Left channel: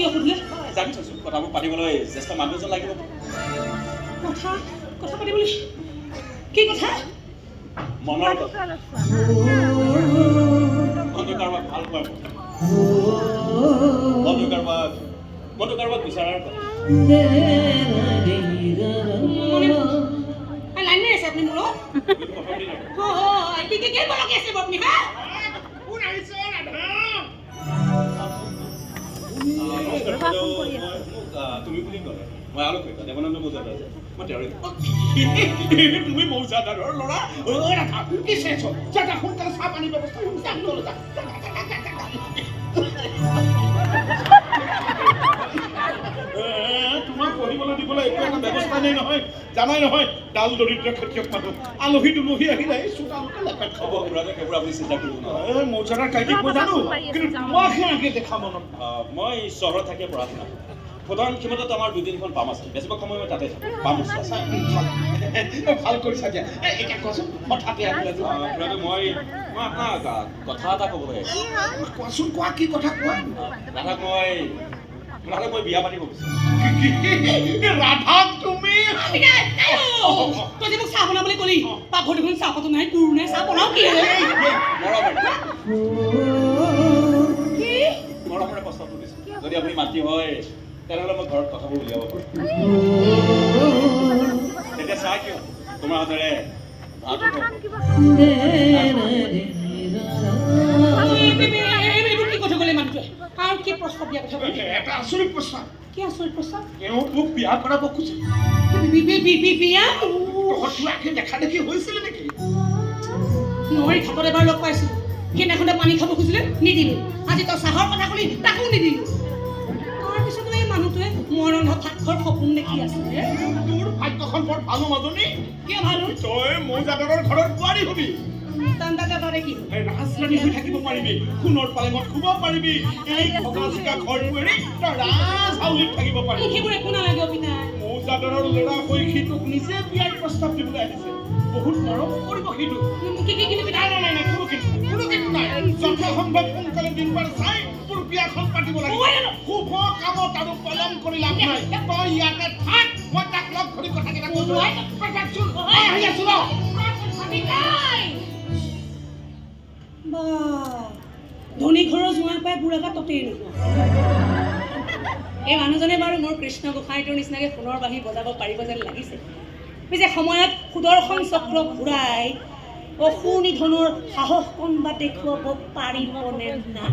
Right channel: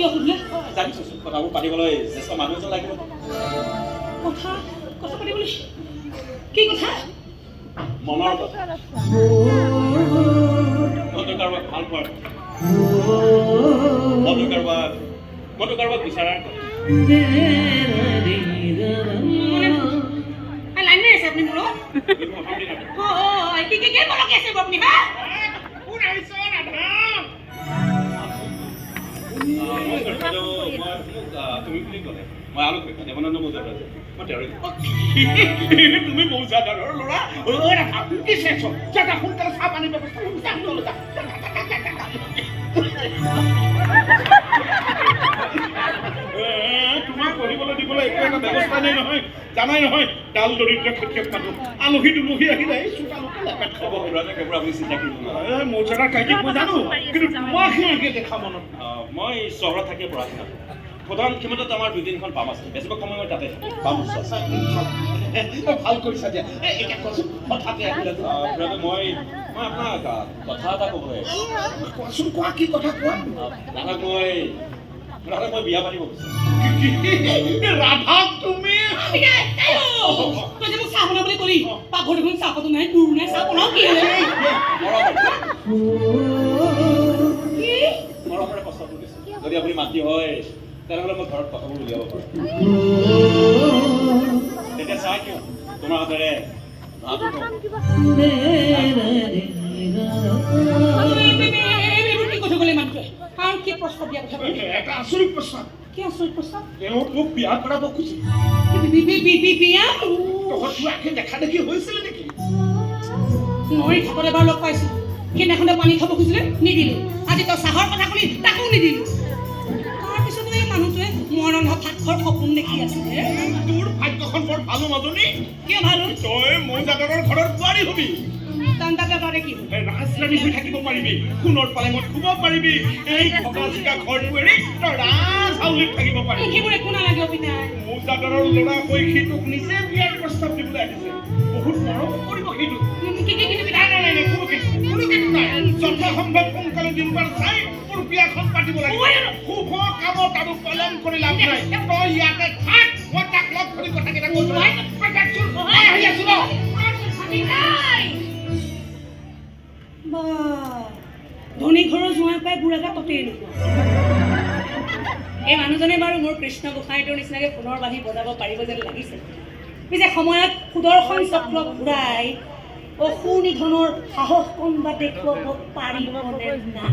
কিয় সুধিলে? জানিছোঁ কথাবোৰ পাতিবলৈ জ্যেষ্ঠ মানুহ এজন লাগিব। কথা পাতিবলৈ কি কথা? মনৰ কথা, মনে কাৰোবাক ভাল পোৱাৰ কথা, মনে কাৰোবাক বিচাৰাৰ কথা। লাইন মাৰি আছে আপুনি মোৰ লগত? কি বলকি আছে আপুনি? হা কোন আহিছে ৰাধা? তুমি বুলি ক'লে মই আলোক দেৱানন্দ মৌজাদাৰ যে তুমি মৌজাদাৰৰ ল'ৰা? ৰাধা কি চেঞ্চ জাগা সোনকালে চাহ পানী ব্যৱস্থা তোমাক পঢ়িবলৈ দিবলৈ একো এটা ব্যৱস্থা নাই নহয়। জানাই নহয় ডাল দৰিদ্ৰ খেতিয়ক মানুহ আলহী দুলহী আহিলে চোতালতে লেপেট খাব। সেইবোৰ আপুনি চিন্তা কৰিব মৌজাদাৰ কাহিনী মই জানো, কিন্তু তোমাক কেনেকৈ দেখা মনত? মই চহৰত থাকি পঢ়া শুনা প্ৰধান ক্ষমতাত আমাৰ 2-3খন পাম আছে। বেছিভাগ সময় মই তাতে পাম আছে। ভাল কৰিছা দিয়া। এতিয়া কোৱাচোন কথাতে আহিলে মই আপোনাক কথা এটা ক'বলৈ কোৱাচোন, কোৱা কি কথা কোৱা? মই বিয়া পাতিব বিচাৰোঁ। ৰাধাক তুমি তই যে মোক চাহ বনাবলৈ ক'লি পাকঘৰ দেখোন চাহ পাতো নাই তোৰ নাই চাহ বনাও কি মৰমৰে প্ৰস্তাৱ কৰিছোঁ। যদি আপুনি মাতি হয় তেনেহ'লে মই ঘৰত কথাবোৰ উলিয়াব পাৰিম। তেতিয়া চাহ কিয় তোমাৰ হাতেৰে এটা আচৰিত প্ৰস্তাৱ। কি আচৰিত প্ৰস্তাৱ? তেওঁ মোক বিয়া কৰাব খুজিছে। বিয়া দেখা দেখি হৈছিলে নেকি? মই ঘাটত এবাৰ লগ পাইছিলো, সেইদিনাখনে পানী খাব খুজিলে নিদিলো। আজি তই চাহৰ কথা শুনি তাকো নিদিলো। তাৰপিছতো এই মানুহটোৱে মোৰ ৰন্ধা ভাতঘৰ সপোন দেখি আছিলে। তোৰ ভাগ্যখন বৰ ভালো মাজনী। কিয় ভাল? তই মৌজাদাৰৰ ঘৰত বোৱাৰী হবি। দান্দাতে পাৰে কি ৰাজৰাণী হৈ থাকিব পাৰিবি, সোণৰ পালেঙত শুব পাৰিবি। এই ভগা চোকা ঘৰটো এৰি তই ৰাজহাউলিত থাকিব পাৰিবি। সেইবোৰ একো নালাগে অবিনাশ। মৌজাদাৰৰ ল'ৰা হৈ সি তোক নিজে বিয়াৰ প্ৰস্তাৱ দিবলৈ আহিছে। বহুত মৰম কৰিব সি তোক। নাই, কোনো কিন্তু নাই। যথাসম্ভৱ সোনকালে দিনবাৰ চাই মোৰ বিয়াখন পাতিব লাগিব। শুভ কামত আৰু পলম কৰি লাভ নাই। তই ইয়াতে থাক, মই তাক লগ ধৰি কথাকেইটা কৈছো। ধনী ঘৰৰ জোঁৱাই পাই বুঢ়াটা ততেই নোপোৱা। এই মানুহজনে বাৰু মোৰ কৃষ্ণ গোসাঁইটোৰ নিচিনাকে সোণৰ বাঁহী বজাব পাৰিব যেন লাগিছে। পিছে সময়ত সুদৰ্শন চক্ৰ ঘূৰাই অসুৰ নিধনৰ সাহস কোনোবা দেখুৱাব পাৰিব নে নাই?